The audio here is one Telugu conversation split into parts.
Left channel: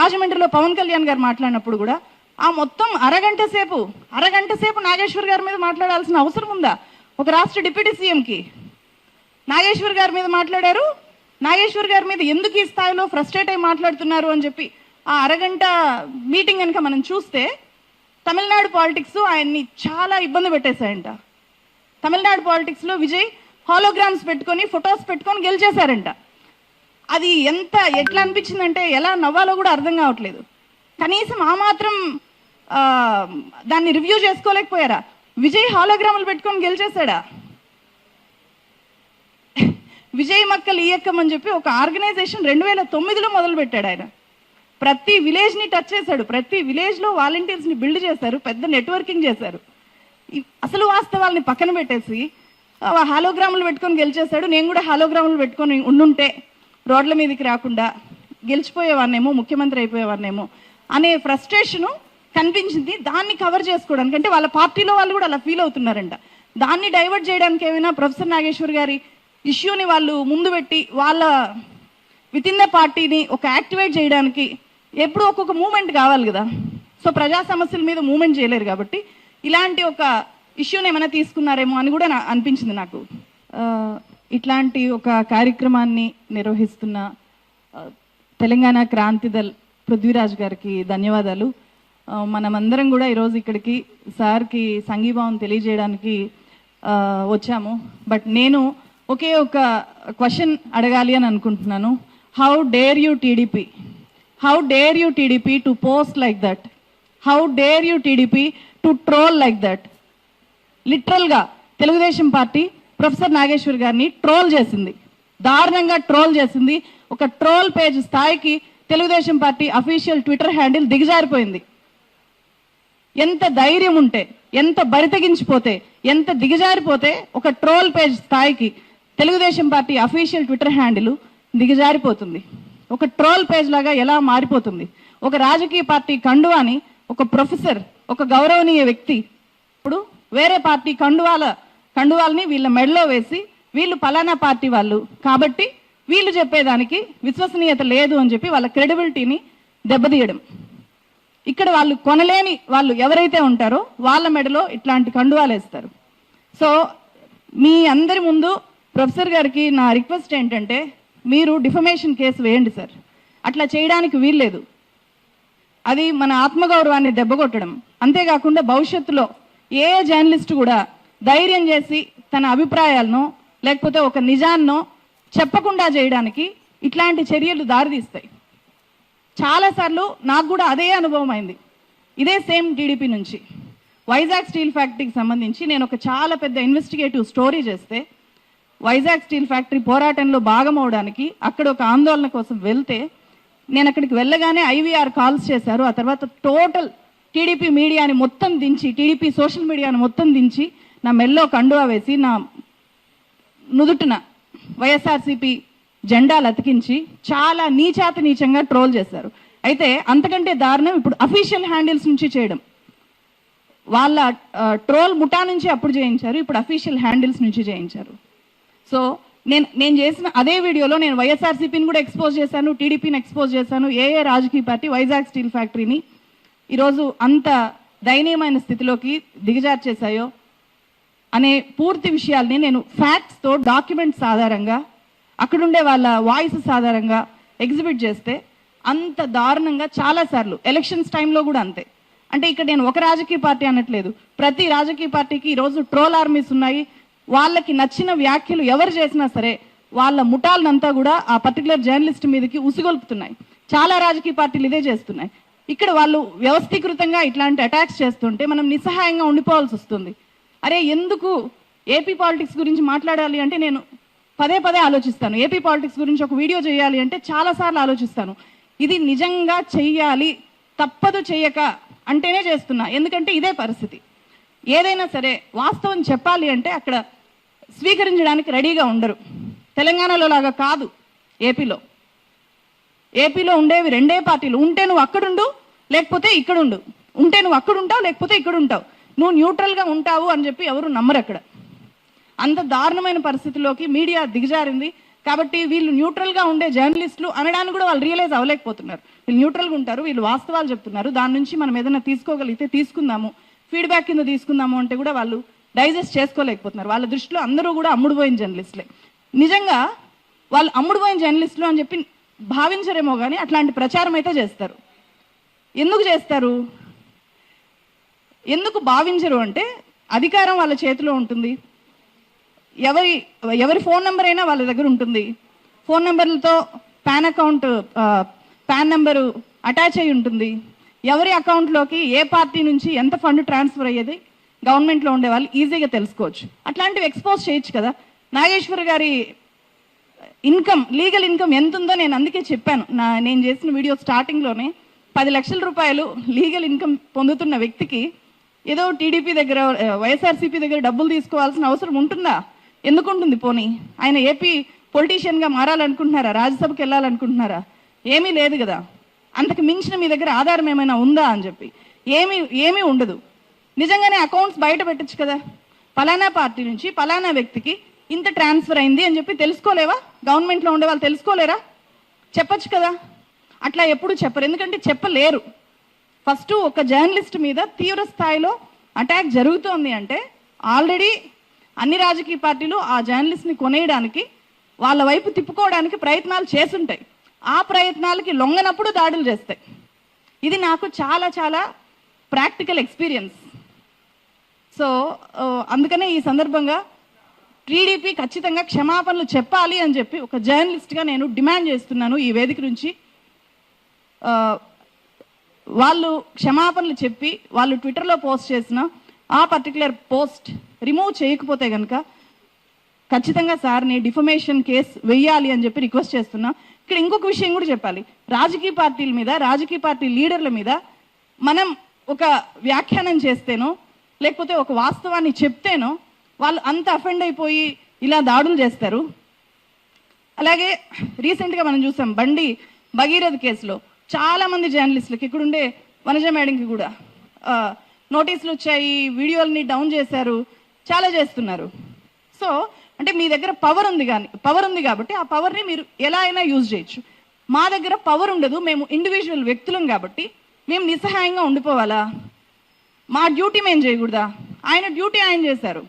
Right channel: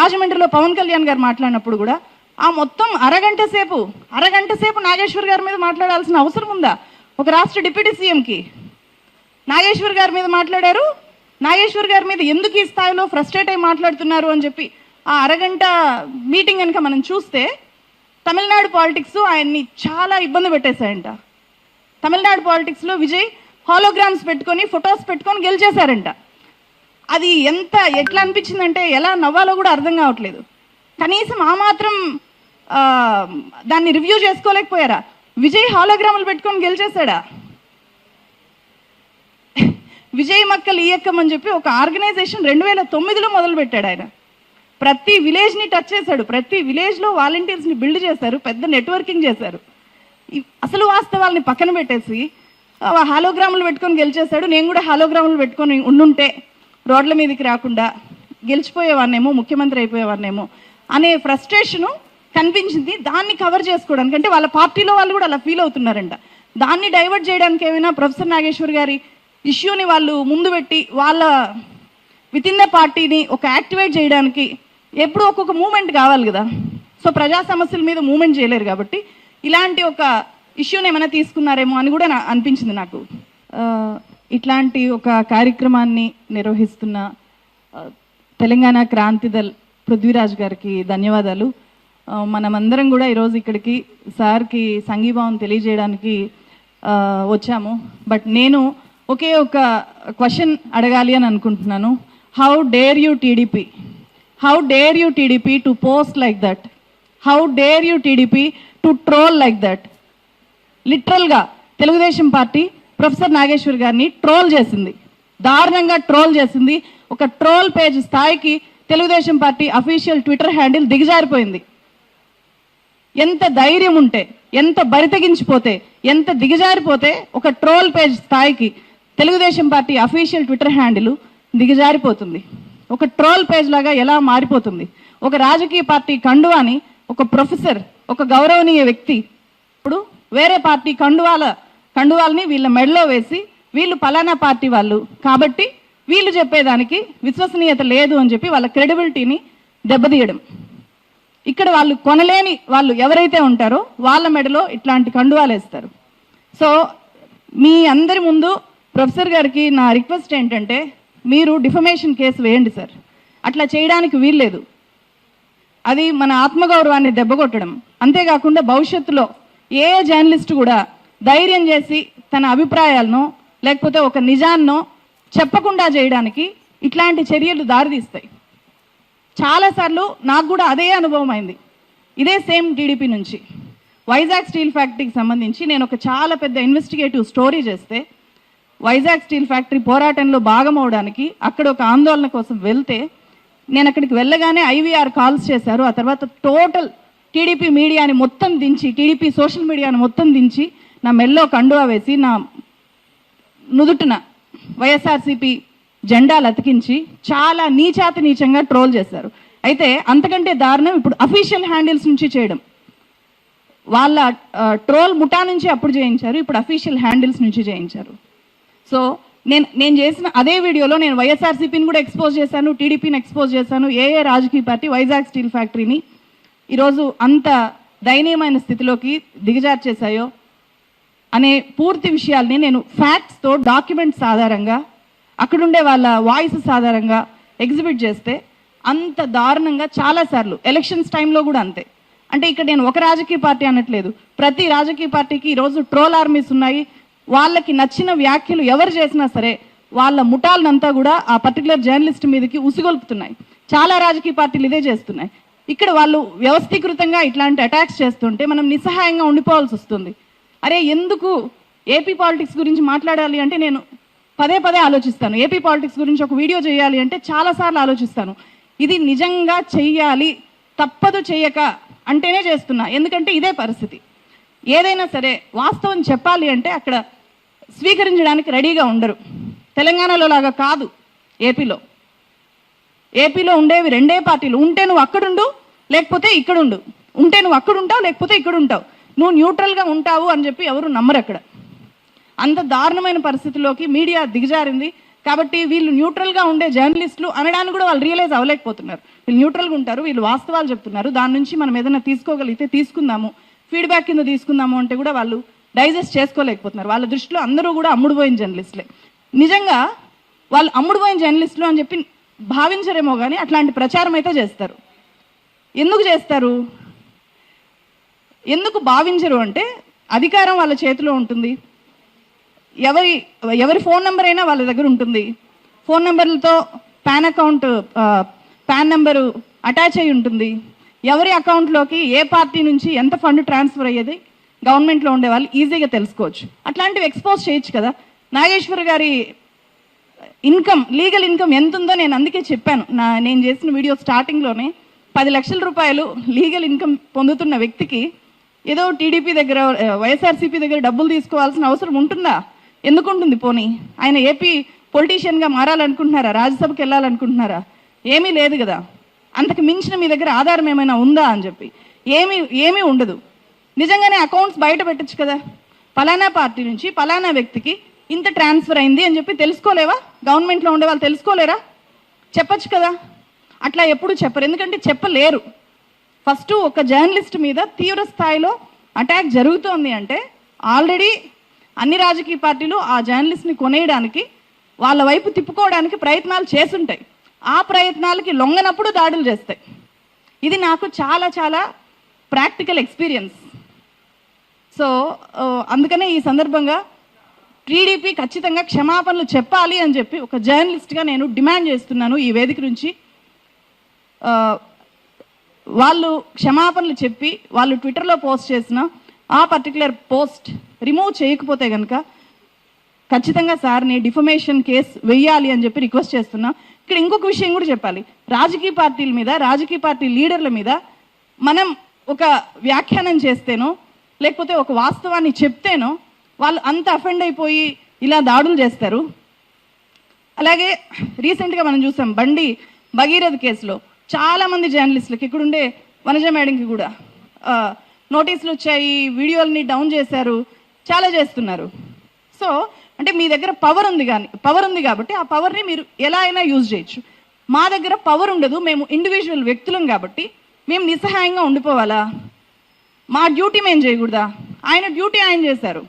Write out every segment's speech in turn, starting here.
రాజమండ్రిలో పవన్ కళ్యాణ్ గారు మాట్లాడినప్పుడు కూడా ఆ మొత్తం అరగంట సేపు నాగేశ్వర్ గారి మీద మాట్లాడాల్సిన అవసరం ఉందా? ఒక రాష్ట్ర డిప్యూటీ సీఎంకి నాగేశ్వర్ గారి మీద మాట్లాడారు. నాగేశ్వర్ గారి మీద ఎందుకు ఈ స్థాయిలో ఫ్రస్ట్రేట్ అయి మాట్లాడుతున్నారు అని చెప్పి ఆ అరగంట మీటింగ్ కనుక మనం చూస్తే తమిళనాడు పాలిటిక్స్ ఆయన్ని చాలా ఇబ్బంది పెట్టేశాయంట. తమిళనాడు పాలిటిక్స్ లో విజయ్ హాలోగ్రామ్స్ పెట్టుకొని ఫొటోస్ పెట్టుకొని గెలిచేశారంట. అది ఎట్లా అనిపించిందంటే ఎలా నవ్వాలో కూడా అర్థం కావట్లేదు. కనీసం ఆ మాత్రం దాన్ని రివ్యూ చేసుకోలేకపోయారా? విజయ్ హాలోగ్రాములు పెట్టుకొని గెలిచేశాడా? విజయ్ మక్కలు ఈయక్కం అని చెప్పి ఒక ఆర్గనైజేషన్ 2009లో మొదలు పెట్టాడు ఆయన. ప్రతి విలేజ్ ని టచ్ చేశాడు. ప్రతి విలేజ్ లో వాలంటీర్స్ ని బిల్డ్ చేశారు. పెద్ద నెట్వర్కింగ్ చేశారు. అసలు వాస్తవాల్ని పక్కన పెట్టేసి హాలోగ్రాములు పెట్టుకొని గెలిచేశాడు. నేను కూడా హాలోగ్రాములు పెట్టుకొని ఉండుంటే రోడ్ల మీదకి రాకుండా గెలిచిపోయేవాన్నేమో, ముఖ్యమంత్రి అయిపోయేవాన్నేమో అనే ఫ్రస్ట్రేషన్ కనిపించింది. దాన్ని కవర్ చేసుకోవడానికి, అంటే వాళ్ళ పార్టీలో వాళ్ళు కూడా అలా ఫీల్ అవుతున్నారంట. దాన్ని డైవర్ట్ చేయడానికి ఏమైనా ప్రొఫెసర్ నాగేశ్వర్ గారి ఇష్యూని వాళ్ళు ముందు పెట్టి వాళ్ళ విత్ ఇన్ ద పార్టీని ఒక యాక్టివేట్ చేయడానికి ఎప్పుడు ఒక్కొక్క మూమెంట్ కావాలి కదా. సో ప్రజా సమస్యల మీద మూమెంట్ చేయలేరు కాబట్టి ఇలాంటి ఒక ఇష్యూని ఏమైనా తీసుకున్నారేమో అని కూడా అనిపించింది నాకు. ఇట్లాంటి ఒక కార్యక్రమాన్ని నిర్వహిస్తున్న తెలంగాణ క్రాంతిదల్ పృథ్వీరాజ్ గారికి ధన్యవాదాలు. మనమందరం కూడా ఈరోజు ఇక్కడికి సార్కి సంఘీభావం తెలియజేయడానికి వచ్చాము. బట్ నేను ఒకే ఒక క్వశ్చన్ అడగాలి అని అనుకుంటున్నాను. How dare you TDP? How dare you TDP to post like that? How dare you TDP to troll like that? Literal గా తెలుగుదేశం పార్టీ ప్రొఫెసర్ నాగేశ్వర్ గారిని ట్రోల్ చేసింది, దారుణంగా ట్రోల్ చేసింది. ఒక ట్రోల్ పేజ్ స్థాయికి Telugu Desam party official twitter handle దిగజారిపోయింది. ఎంత ధైర్యం ఉంటే, ఎంత బరితెగించిపోతే, ఎంత దిగజారిపోతే ఒక ట్రోల్ పేజ్ స్థాయికి Telugu Desam party official twitter handle దిగజారిపోతుంది. ఒక ట్రోల్ పేజ్ లాగా ఎలా మారిపోతుంది? ఒక రాజకీయ పార్టీ కండువాని ఒక ప్రొఫెసర్, ఒక గౌరవనీయ వ్యక్తి ఇప్పుడు వేరే పార్టీ కండువాల్ని వీళ్ళ మెడలో వేసి వీళ్ళు పలానా పార్టీ వాళ్ళు కాబట్టి వీళ్ళు చెప్పేదానికి విశ్వసనీయత లేదు అని చెప్పి వాళ్ళ క్రెడిబిలిటీని దెబ్బతీయడం. ఇక్కడ వాళ్ళు కొనలేని వాళ్ళు ఎవరైతే ఉంటారో వాళ్ళ మెడలో ఇట్లాంటి కండువాలు వేస్తారు. సో మీ అందరి ముందు ప్రొఫెసర్ గారికి నా రిక్వెస్ట్ ఏంటంటే, మీరు డిఫమేషన్ కేసు వేయండి సార్. అట్లా చేయడానికి వీల్లేదు. అది మన ఆత్మగౌరవాన్ని దెబ్బకొట్టడం. అంతేకాకుండా భవిష్యత్తులో ఏ జర్నలిస్ట్ కూడా ధైర్యం చేసి తన అభిప్రాయాలను లేకపోతే ఒక నిజాన్నో చెప్పకుండా చేయడానికి ఇట్లాంటి చర్యలు దారితీస్తాయి. చాలాసార్లు నాకు కూడా అదే అనుభవం అయింది. ఇదే సేమ్ టీడీపీ నుంచి వైజాగ్ స్టీల్ ఫ్యాక్టరీకి సంబంధించి నేను ఒక చాలా పెద్ద ఇన్వెస్టిగేటివ్ స్టోరీ చేస్తే, వైజాగ్ స్టీల్ ఫ్యాక్టరీ పోరాటంలో భాగమవడానికి అక్కడ ఒక ఆందోళన కోసం వెళ్తే, నేను అక్కడికి వెళ్ళగానే ఐవీఆర్ కాల్స్ చేశారు. ఆ తర్వాత టోటల్ టీడీపీ మీడియాని మొత్తం దించి, టీడీపీ సోషల్ మీడియాని మొత్తం దించి నా మెల్లో కండువా వేసి నా నుదుటిన వైఎస్ఆర్సీపీ జెండాలు అతికించి చాలా నీచంగా ట్రోల్ చేశారు. అయితే అంతకంటే దారుణం ఇప్పుడు అఫీషియల్ హ్యాండిల్స్ నుంచి చేయడం. వాళ్ళ ట్రోల్ ముఠా నుంచి అప్పుడు చేయించారు, ఇప్పుడు అఫీషియల్ హ్యాండిల్స్ నుంచి చేయించారు. సో నేను చేసిన అదే వీడియోలో నేను వైఎస్ఆర్సీపీని కూడా ఎక్స్పోజ్ చేశాను, టీడీపీని ఎక్స్పోజ్ చేశాను. ఏ రాజకీయ పార్టీ వైజాగ్ స్టీల్ ఫ్యాక్టరీని ఈరోజు అంత దయనీయమైన స్థితిలోకి దిగజార్చేశాయో అనే పూర్తి విషయాల్ని నేను ఫ్యాక్ట్స్ తో, డాక్యుమెంట్స్ ఆధారంగా, అక్కడుండే వాళ్ళ వాయిసెస్ ఆధారంగా ఎగ్జిబిట్ చేస్తే అంత దారుణంగా చాలా సార్లు ఎలక్షన్స్ టైంలో కూడా అంతే. అంటే ఇక్కడ నేను ఒక రాజకీయ పార్టీ అనట్లేదు, ప్రతి రాజకీయ పార్టీకి ఈరోజు ట్రోల్ ఆర్మీస్ ఉన్నాయి. వాళ్ళకి నచ్చిన వ్యాఖ్యలు ఎవరు చేసినా సరే వాళ్ళ ముఠాలనంతా కూడా ఆ పర్టికులర్ జర్నలిస్ట్ మీదకి ఉసిగొల్పుతున్నాయి. చాలా రాజకీయ పార్టీలు ఇదే చేస్తున్నాయి. ఇక్కడ వాళ్ళు వ్యవస్థీకృతంగా ఇట్లాంటి అటాక్స్ చేస్తుంటే మనం నిస్సహాయంగా ఉండిపోవాల్సి వస్తుంది. అరే ఎందుకు ఏపీ పాలిటిక్స్ గురించి మాట్లాడాలి అంటే నేను పదే ఆలోచిస్తాను. ఏపీ పాలిటిక్స్ గురించి ఒక వీడియో చేయాలి అంటే చాలా సార్లు ఆలోచిస్తాను. ఇది నిజంగా చెయ్యాలి, తప్పదు చెయ్యక అంటేనే చేస్తున్నా. ఎందుకంటే ఇదే పరిస్థితి. ఏదైనా సరే వాస్తవం చెప్పాలి అంటే అక్కడ స్వీకరించడానికి రెడీగా ఉండరు. తెలంగాణలో లాగా కాదు. ఏపీలో ఉండేవి రెండే పార్టీలు. ఉంటే నువ్వు అక్కడుండు, లేకపోతే ఇక్కడుండు. ఉంటే నువ్వు అక్కడుంటావు, లేకపోతే ఇక్కడ ఉంటావు. నువ్వు న్యూట్రల్ గా ఉంటావు అని చెప్పి ఎవరు నమ్మరు అక్కడ. అంత దారుణమైన పరిస్థితిలోకి మీడియా దిగజారింది. కాబట్టి వీళ్ళు న్యూట్రల్గా ఉండే జర్నలిస్టులు అనడానికి కూడా వాళ్ళు రియలైజ్ అవ్వలేకపోతున్నారు. వీళ్ళు న్యూట్రల్గా ఉంటారు, వీళ్ళు వాస్తవాలు చెప్తున్నారు, దాని నుంచి మనం ఏదైనా తీసుకోగలిగితే తీసుకుందాము, ఫీడ్బ్యాక్ కింద తీసుకుందాము అంటే కూడా వాళ్ళు డైజెస్ట్ చేసుకోలేకపోతున్నారు. వాళ్ళ దృష్టిలో అందరూ కూడా అమ్ముడుపోయిన జర్నలిస్టులే. నిజంగా వాళ్ళు అమ్ముడుపోయిన జర్నలిస్టులు అని చెప్పి భావించరేమో కానీ అట్లాంటి ప్రచారం అయితే చేస్తారు. ఎందుకు చేస్తారు, ఎందుకు భావించరు అంటే అధికారం వాళ్ళ చేతిలో ఉంటుంది. ఎవరి ఫోన్ నెంబర్ అయినా వాళ్ళ దగ్గర ఉంటుంది. ఫోన్ నెంబర్లతో పాన్ నెంబరు అటాచ్ అయి ఉంటుంది. ఎవరి అకౌంట్లోకి ఏ పార్టీ నుంచి ఎంత ఫండ్ ట్రాన్స్ఫర్ అయ్యేది గవర్నమెంట్లో ఉండే వాళ్ళు ఈజీగా తెలుసుకోవచ్చు. అట్లాంటివి ఎక్స్పోజ్ చేయొచ్చు కదా. నాగేశ్వర్ గారి ఇన్కమ్, లీగల్ ఇన్కమ్ ఎంత ఉందో నేను అందుకే చెప్పాను. నేను చేసిన వీడియో స్టార్టింగ్లోనే 10 లక్షల రూపాయలు లీగల్ ఇన్కమ్ పొందుతున్న వ్యక్తికి ఏదో టీడీపీ దగ్గర, వైఎస్ఆర్సీపీ దగ్గర డబ్బులు తీసుకోవాల్సిన అవసరం ఉంటుందా? ఎందుకుంటుంది? పోనీ ఆయన ఏపీ పొలిటీషియన్గా మారాలనుకుంటున్నారా? రాజ్యసభకి వెళ్ళాలనుకుంటున్నారా? ఏమీ లేదు కదా. అంతకు మించిన మీ దగ్గర ఆధారం ఏమైనా ఉందా అని చెప్పి ఏమీ ఉండదు. నిజంగానే అకౌంట్స్ బయట పెట్టచ్చు కదా. పలానా పార్టీ నుంచి పలానా వ్యక్తికి ఇంత ట్రాన్స్ఫర్ అయింది అని చెప్పి తెలుసుకోలేవా? గవర్నమెంట్లో ఉండే వాళ్ళు తెలుసుకోలేరా? చెప్పచ్చు కదా. అట్లా ఎప్పుడు చెప్పరు, ఎందుకంటే చెప్పలేరు. ఫస్ట్ ఒక జర్నలిస్ట్ మీద తీవ్ర స్థాయిలో అటాక్ జరుగుతోంది అంటే ఆల్రెడీ అన్ని రాజకీయ పార్టీలు ఆ జర్నలిస్ట్ని కొనేయడానికి, వాళ్ళ వైపు తిప్పుకోవడానికి ప్రయత్నాలు చేసుంటాయి. ఆ ప్రయత్నాలకి లొంగనప్పుడు దాడులు చేస్తాయి. ఇది నాకు చాలా చాలా ప్రాక్టికల్ ఎక్స్పీరియన్స్. సో అందుకనే ఈ సందర్భంగా టీడీపీ ఖచ్చితంగా క్షమాపణలు చెప్పాలి అని చెప్పి ఒక జర్నలిస్ట్గా నేను డిమాండ్ చేస్తున్నాను ఈ వేదిక నుంచి. వాళ్ళు క్షమాపణలు చెప్పి వాళ్ళు ట్విట్టర్లో పోస్ట్ చేసిన ఆ పర్టికులర్ పోస్ట్ రిమూవ్ చేయకపోతే కనుక ఖచ్చితంగా సార్ని డిఫమేషన్ కేసు వెయ్యాలి అని చెప్పి రిక్వెస్ట్ చేస్తున్నా. ఇక్కడ ఇంకొక విషయం కూడా చెప్పాలి. రాజకీయ పార్టీల మీద, రాజకీయ పార్టీ లీడర్ల మీద మనం ఒక వ్యాఖ్యానం చేస్తేనో లేకపోతే ఒక వాస్తవాన్ని చెప్తేనో వాళ్ళు అంత అఫెండ్ అయిపోయి ఇలా దాడులు చేస్తారు. అలాగే రీసెంట్గా మనం చూసాం బండి భగీరథ్ కేసులో చాలా మంది జర్నలిస్టులకి, ఇక్కడుండే వనజ మేడంకి కూడా నోటీసులు వచ్చాయి, వీడియోలని డౌన్ చేశారు, చాలా చేస్తున్నారు. సో అంటే మీ దగ్గర పవర్ ఉంది కాబట్టి ఆ పవర్ని మీరు ఎలా అయినా యూజ్ చేయొచ్చు. మా దగ్గర పవర్ ఉండదు, మేము ఇండివిజువల్ వ్యక్తులం కాబట్టి మేము నిస్సహాయంగా ఉండిపోవాలా? మా డ్యూటీ మేము చేయకూడదా? ఆయన డ్యూటీ ఆయన చేశారు.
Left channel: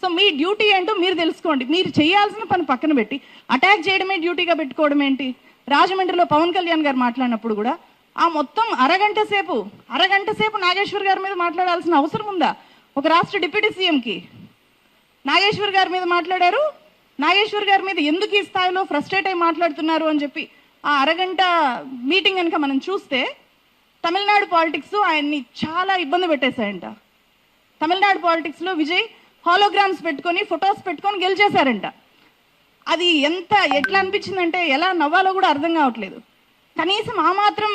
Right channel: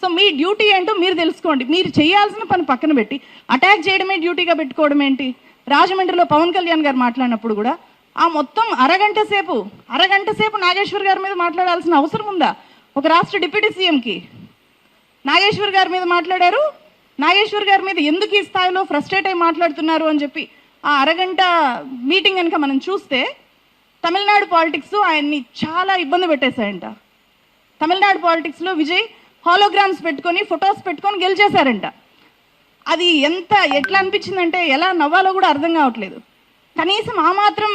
సో మీ డ్యూటీ ఏంటో మీరు తెలుసుకోండి. మీరు చేయాల్సిన పని పక్కన పెట్టి అటాక్ చేయడమే డ్యూటీగా పెట్టుకోవడం ఏంటి? రాజమండ్రిలో పవన్ కళ్యాణ్ గారు మాట్లాడినప్పుడు కూడా ఆ మొత్తం అరగంట సేపు నాగేశ్వర్ గారి మీద మాట్లాడాల్సిన అవసరం ఉందా? ఒక రాష్ట్ర డిప్యూటీ సీఎంకి నాగేశ్వర్ గారి మీద మాట్లాడారు. నాగేశ్వర్ గారి మీద ఎందుకు ఈ స్థాయిలో ఫ్రస్ట్రేట్ అయి మాట్లాడుతున్నారు అని చెప్పి ఆ అరగంట మీటింగ్ కనుక మనం చూస్తే తమిళనాడు పాలిటిక్స్ ఆయన్ని చాలా ఇబ్బంది పెట్టేశాయంట. తమిళనాడు పాలిటిక్స్లో విజయ్ హాలోగ్రామ్స్ పెట్టుకొని, ఫొటోస్ పెట్టుకొని గెలిచేశారంట. అది ఎట్లా అనిపించిందంటే ఎలా నవ్వాలో కూడా అర్థం కావట్లేదు. కనీసం ఆ మాత్రం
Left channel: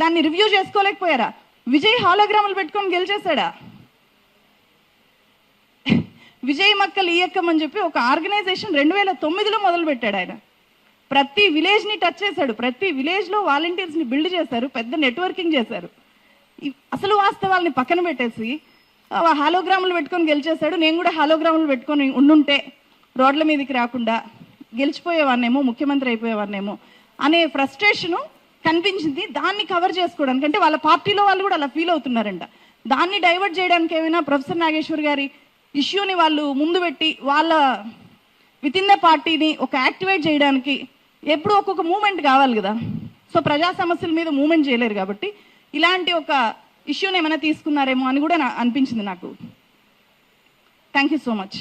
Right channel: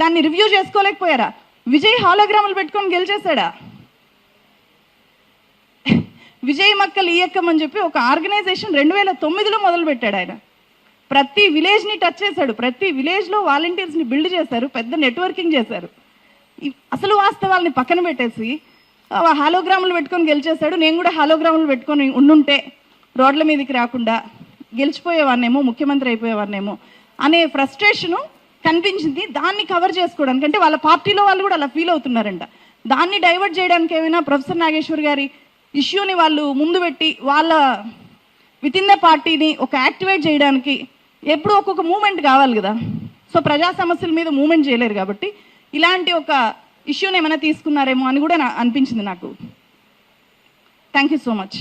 దాన్ని రివ్యూ చేసుకోలేకపోయారా? విజయ్ హాలోగ్రాములు పెట్టుకొని గెలిచేశాడా? విజయ్ మక్కల్ ఇయక్కం అని చెప్పి ఒక ఆర్గనైజేషన్ 2009లో మొదలు పెట్టాడు ఆయన. ప్రతి విలేజ్ని టచ్ చేశాడు, ప్రతి విలేజ్లో వాలంటీర్స్ని బిల్డ్ చేశారు, పెద్ద నెట్వర్కింగ్ చేశారు. అసలు వాస్తవాల్ని పక్కన పెట్టేసి హాలోగ్రాములు పెట్టుకొని గెలిచేశాడు. నేను కూడా హాలోగ్రాములు పెట్టుకొని ఉండుంటే రోడ్ల మీదకి రాకుండా గెలిచిపోయేవాన్నేమో, ముఖ్యమంత్రి అయిపోయేవాన్నేమో అనే ఫ్రస్ట్రేషను కనిపించింది. దాన్ని కవర్ చేసుకోవడానికి, అంటే వాళ్ళ పార్టీలో వాళ్ళు కూడా అలా ఫీల్ అవుతున్నారంట. దాన్ని డైవర్ట్ చేయడానికి ఏమైనా ప్రొఫెసర్ నాగేశ్వర్ గారి ఇష్యూని వాళ్ళు ముందు పెట్టి వాళ్ళ విత్ ఇన్ ద పార్టీని ఒక యాక్టివేట్ చేయడానికి ఎప్పుడు ఒక్కొక్క మూమెంట్ కావాలి కదా. సో ప్రజా సమస్యల మీద మూమెంట్ చేయలేరు కాబట్టి ఇలాంటి ఒక ఇష్యూని ఏమైనా తీసుకున్నారేమో అని కూడా అనిపించింది నాకు. Thank you so much.